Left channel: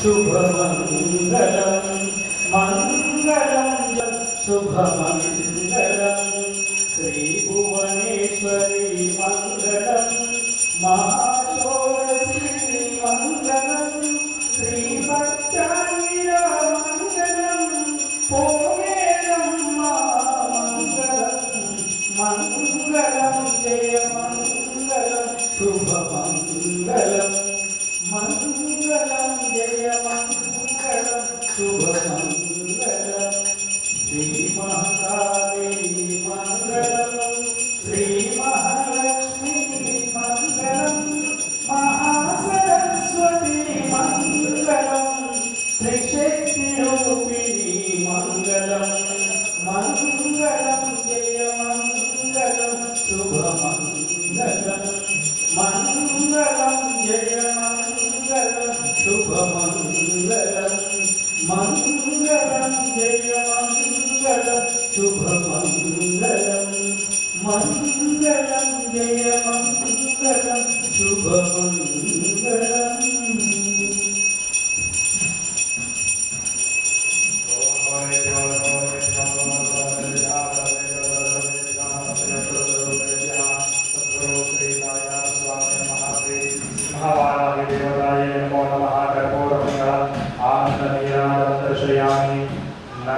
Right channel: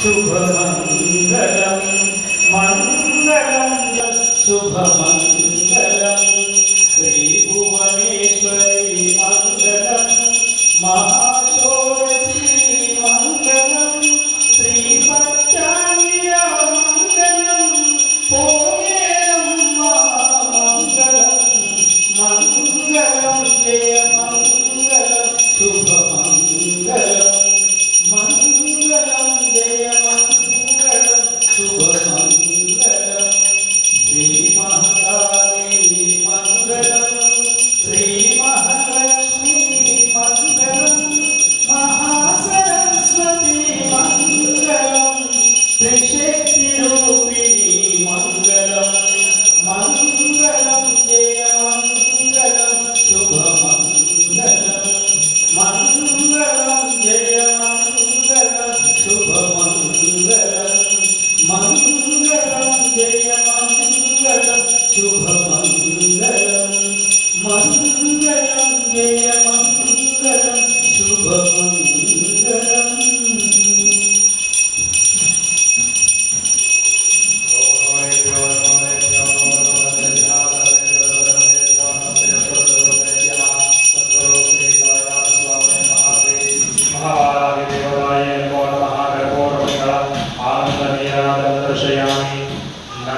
ശുഭമംഗളം Mangalam ശുഭമംഗളം Shri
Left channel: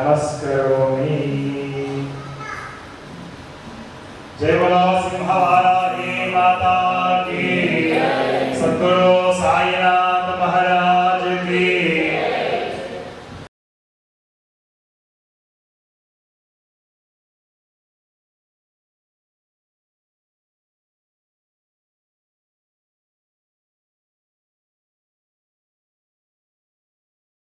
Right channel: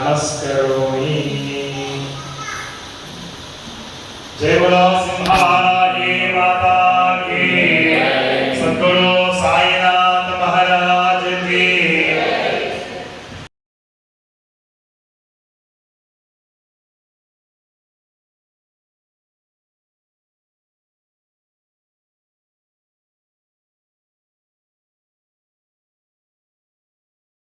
नमस्करोमि जयवला Sinha